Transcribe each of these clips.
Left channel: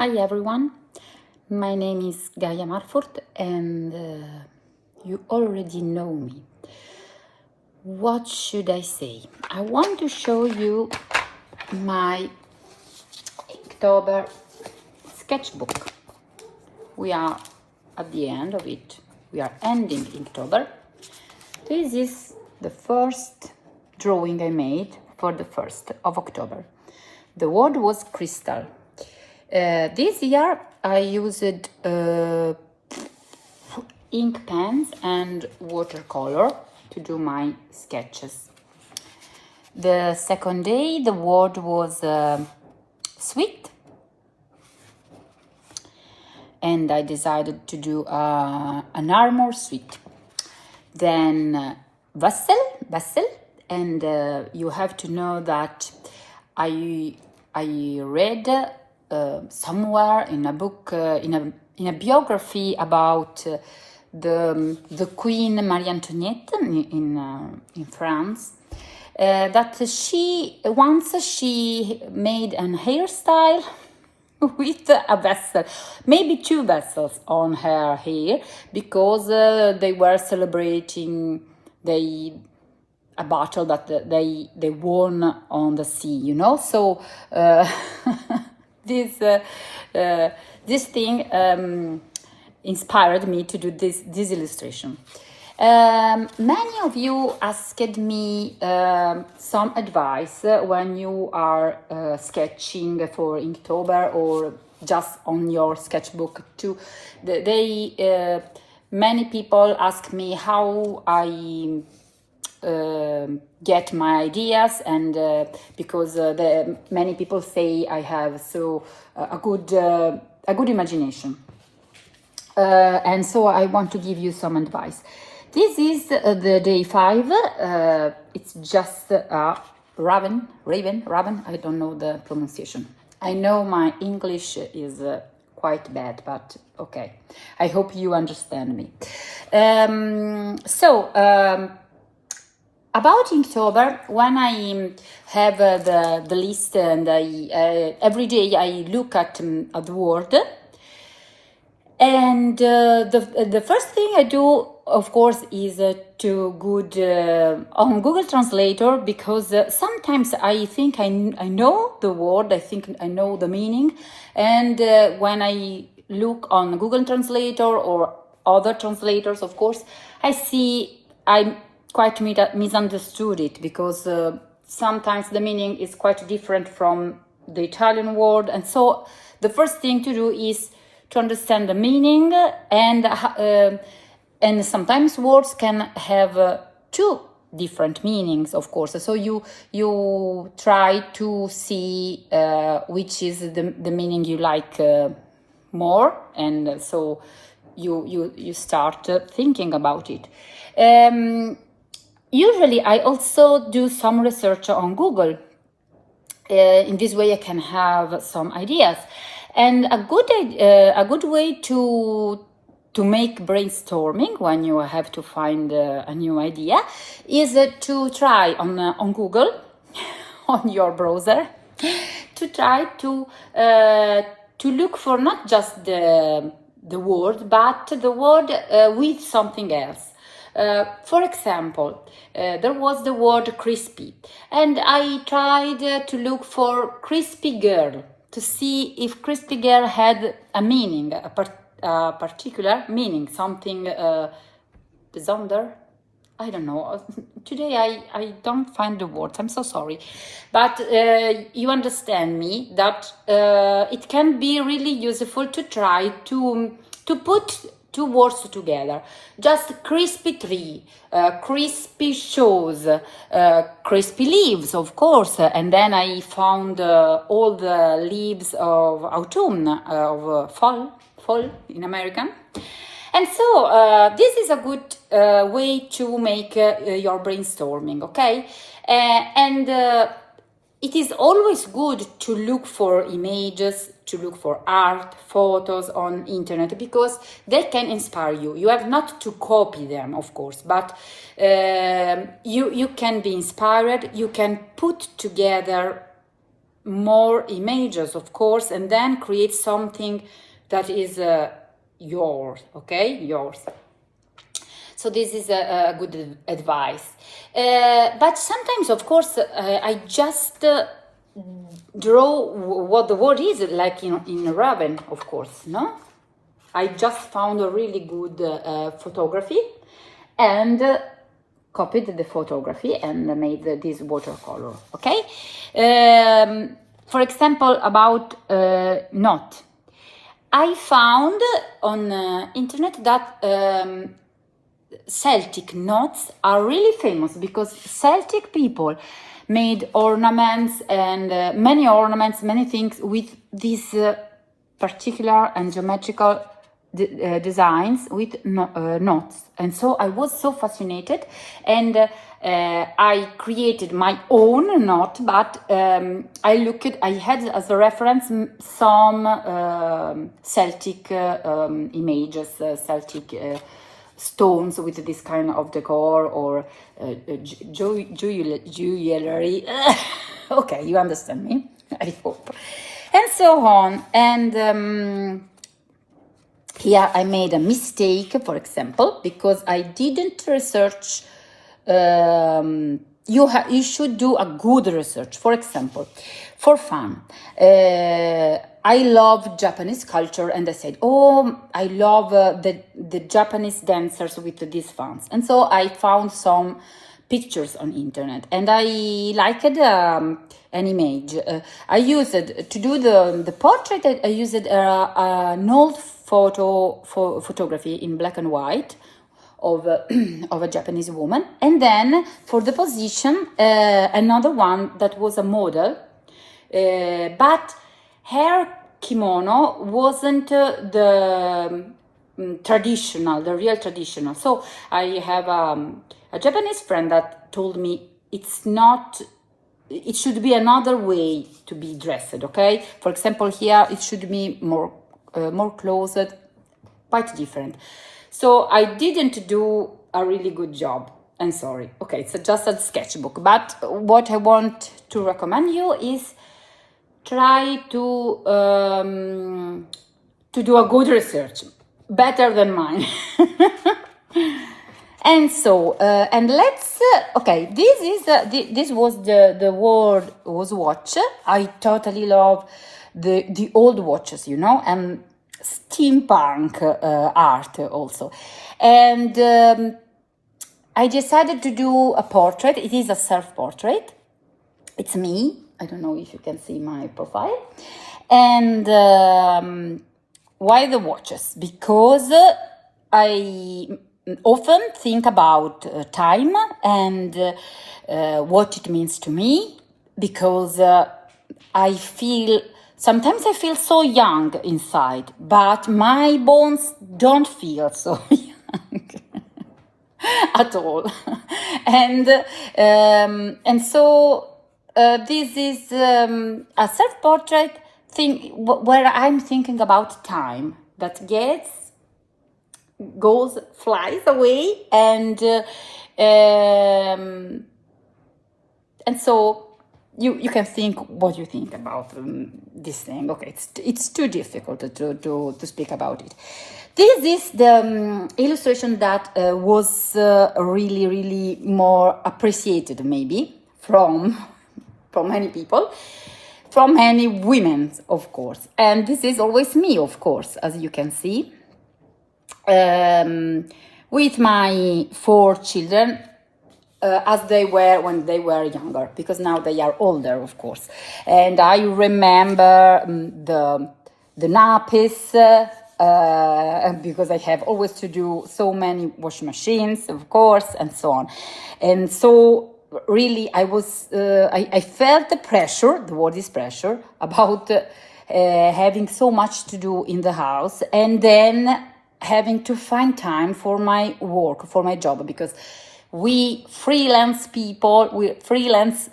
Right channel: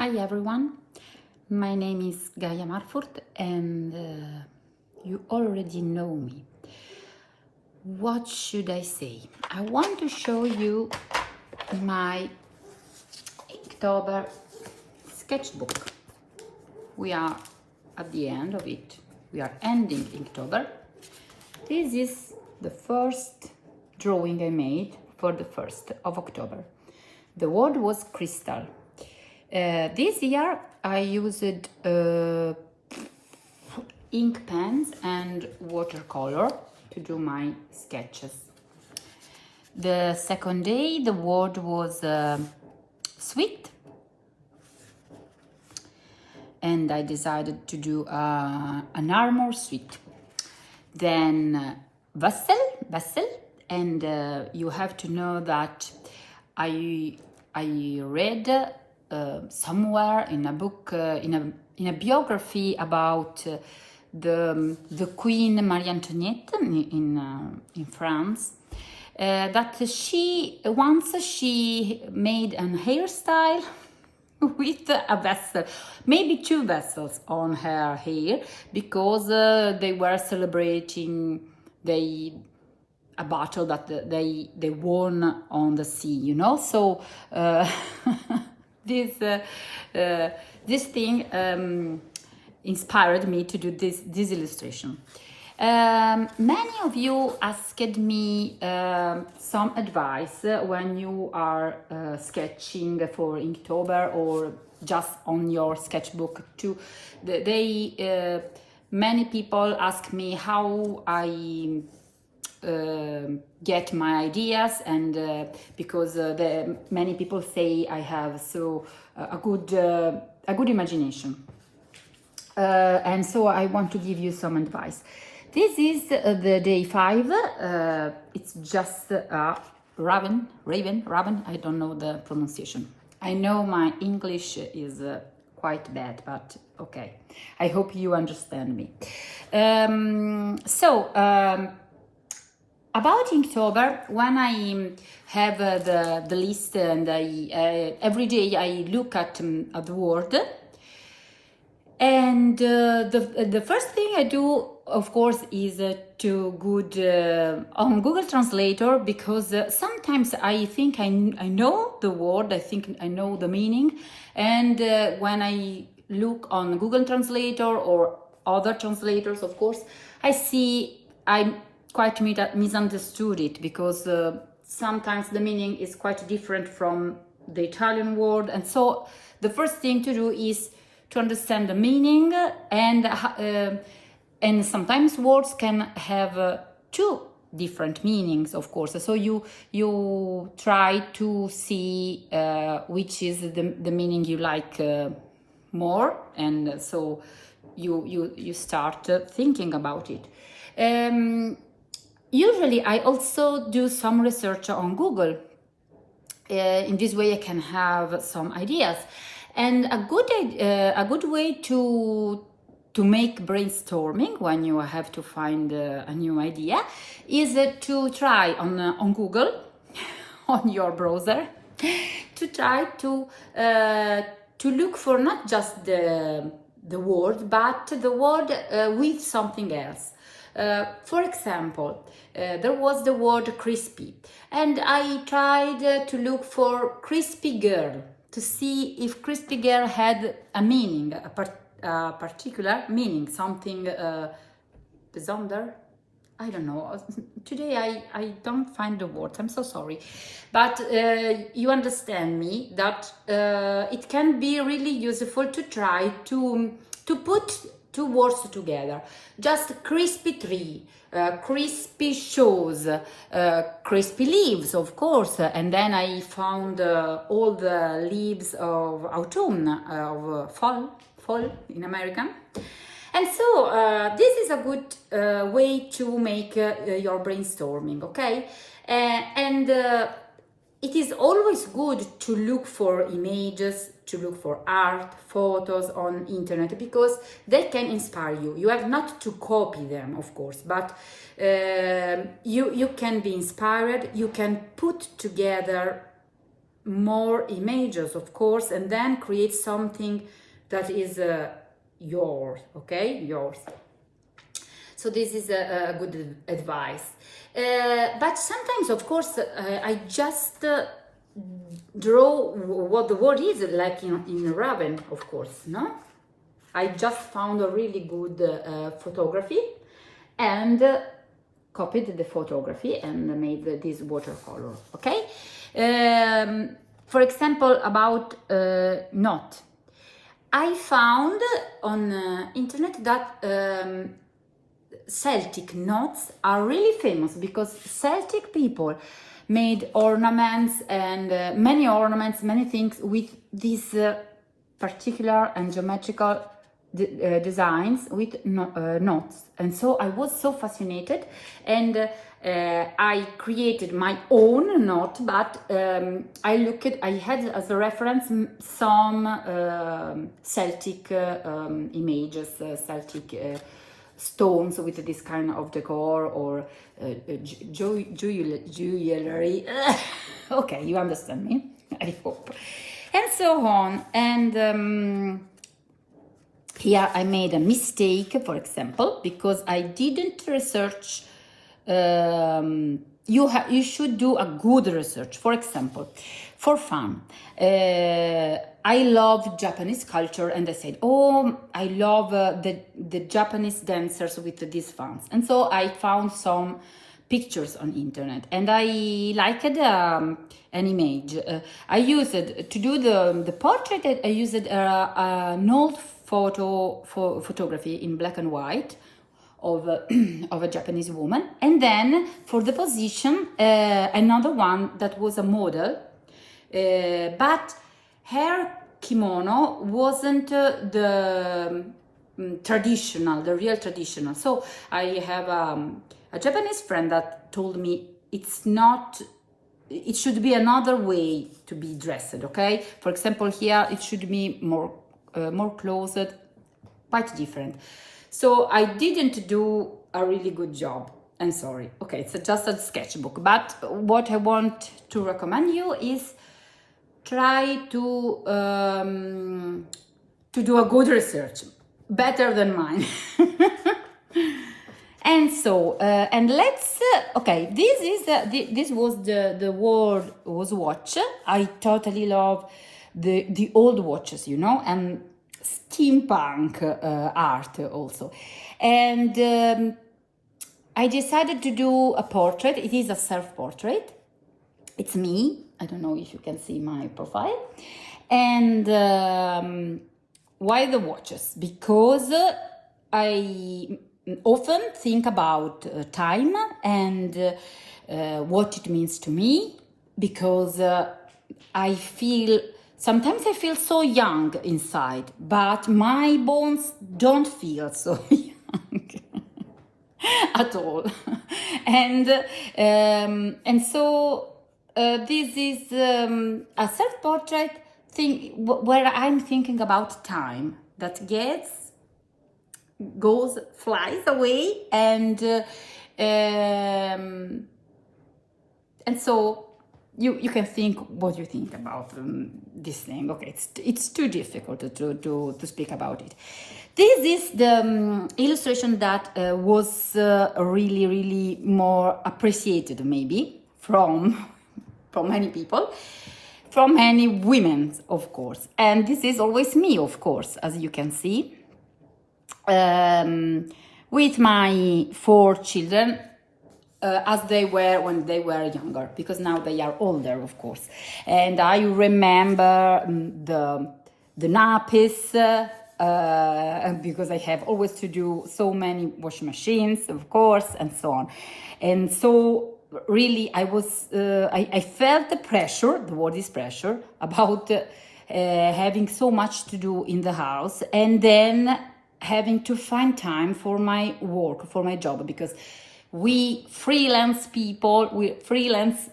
Hi everyone, my name is Gaia Marfort and you already know me. What should I say? I want to show you my Inktober sketchbook. We are at the end of it. We are ending Inktober. This is the first drawing I made for the 1st of October. The word was crystal. This year I used ink pens and watercolor to do my sketches. The second day the word was sweet, and I decided to do an armor sweet. Then vessel, and you have to know that I read somewhere in a book, in a biography about the Queen Marie Antoinette in France, that she made an hairstyle with a vessel, maybe two vessels on her hair, because they were celebrating a battle that they won on the sea, you know. So this thing inspired me to do this illustration. Many of you asked me some advice when you are sketching for Inktober or just on your sketchbook too. Many people ask me how I get my ideas, and because many people say I have a good imagination, and so I want to give you some advice. This is the day 5. It's just a raven. I don't know the pronunciation. I know my English is quite bad, but okay. I hope you understand me. About Inktober, when I have the list and every day I look at the word, and the first thing I do, of course, is to go on Google Translator, because sometimes I think I know the word, I think I know the meaning, and when I look on Google Translator or other translators, of course, I see I quite misunderstood it, because sometimes the meaning is quite different from the Italian word, and so the first thing to do is to understand the meaning, and sometimes words can have two different meanings, of course. So you try to see which is the meaning you like more, and so you start thinking about it. Usually I also do some research on Google. In this way I can have some ideas, and a good way to make brainstorming when you have to find a new idea is to try on Google on your browser to try to look for not just the word, but the word with something else. For example, there was the word crispy, and I tried to look for crispy girl to see if crispy girl had a meaning, a particular meaning, something besonder. I don't know. Today I don't find the words. I'm so sorry, but you understand me that it can be really useful to try to put two words together. Just crispy tree, crispy shoes, crispy leaves, of course, and then I found all the leaves of autumn, of fall in American. And so this is a good way to make your brainstorming, okay? And it is always good to look for images, to look for art, photos on internet, because they can inspire you. You have not to copy them, of course, but you can be inspired. You can put together more images, of course, and then create something that is yours, okay? Yours. So this is a good advice. But sometimes, of course, I just draw what the word is, like in Raven, of course, no? I just found a really good photography and copied the photography and made this watercolor, okay? For example, about knot. I found on internet that Celtic knots are really famous because Celtic people made ornaments and many things with these particular and geometrical designs with knots. And so I was so fascinated, and I created my own knot, but I had as a reference some Celtic images, Celtic stones with this kind of decor or jewelry. Okay, you understand me, I hope. And so on. And here I made a mistake, for example, because I didn't research. You should do a good research. For example, for fun, I love Japanese culture, and I said, oh, I love the Japanese dancers with these fans. And so I found some pictures on internet, and I liked an image. I used it to do the portrait. I used an old photography in black and white of a Japanese woman, and then for the position another one that was a model, but her kimono wasn't the real traditional. So I have a Japanese friend that told me it should be another way to be dressed, okay? For example, here it should be more closed, quite different. So I didn't do a really good job. I'm sorry. Okay, it's just a sketchbook. But what I want to recommend you is try to do a good research, better than mine. And so, and let's. Okay, this was the word was watch. I totally love the old watches, and steampunk art also. And I decided to do a portrait. It is a self-portrait. It's me. I don't know if you can see my profile. And why the watches? Because I often think about time and what it means to me, because sometimes I feel so young inside, but my bones don't feel so young at all. And so this is a self-portrait thing where I'm thinking about time that flies away, and so you can think what you think about this thing. Okay, it's too difficult to speak about it. This is the illustration that was really, really more appreciated, maybe from many people, from many women, of course. And this is always me, of course, as you can see, with my 4 children, as they were when they were younger, because now they are older, of course. And I remember the nappies, because I have always to do so many wash machines, of course, and so on. And so really I felt the pressure, the word is pressure, about having so much to do in the house, and then having to find time for my work, for my job, because we freelance people, we freelance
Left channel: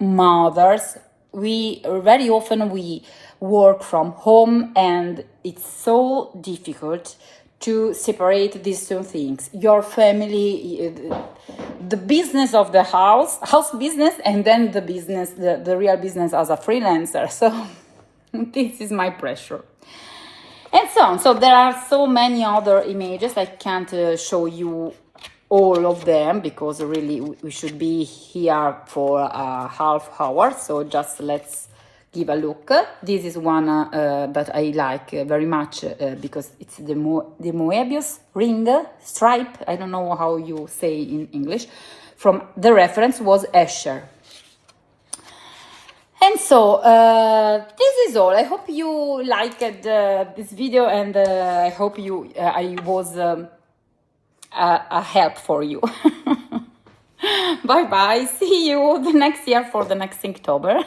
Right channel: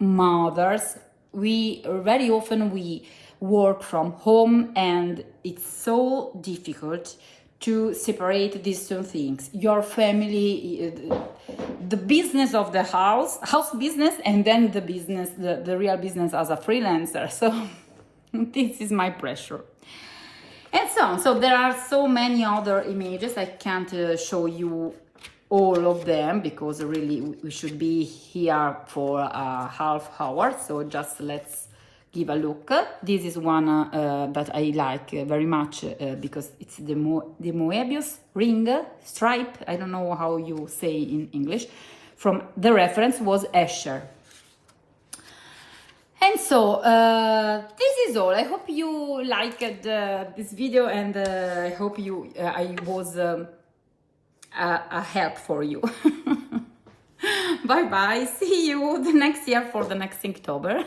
mothers, very often we work from home, and it's so difficult to separate these two things: your family, the business of the house business, and then the business, the real business as a freelancer. So this is my pressure. And so on. So there are so many other images. I can't show you all of them because really we should be here for a half hour. So just let's give a look. This is one that I like very much because it's the Moebius ring stripe. I don't know how you say in English. From the reference was Escher. And so this is all. I hope you liked this video, and I hope I was a help for you. Bye bye. See you the next year for the next Inktober.